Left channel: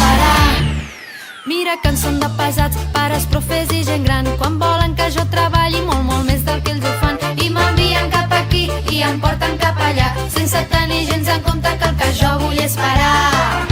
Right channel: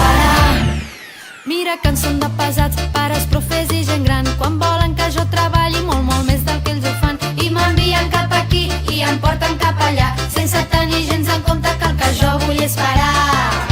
parar. Mira que en són de pesats, pares, profes i gent gran, quan volen que jo treballi molt, molt més del que ells ho fan, i m'envien cap aquí i em porten cap allà, sense tenir gens en compte que el que jo vull és parar.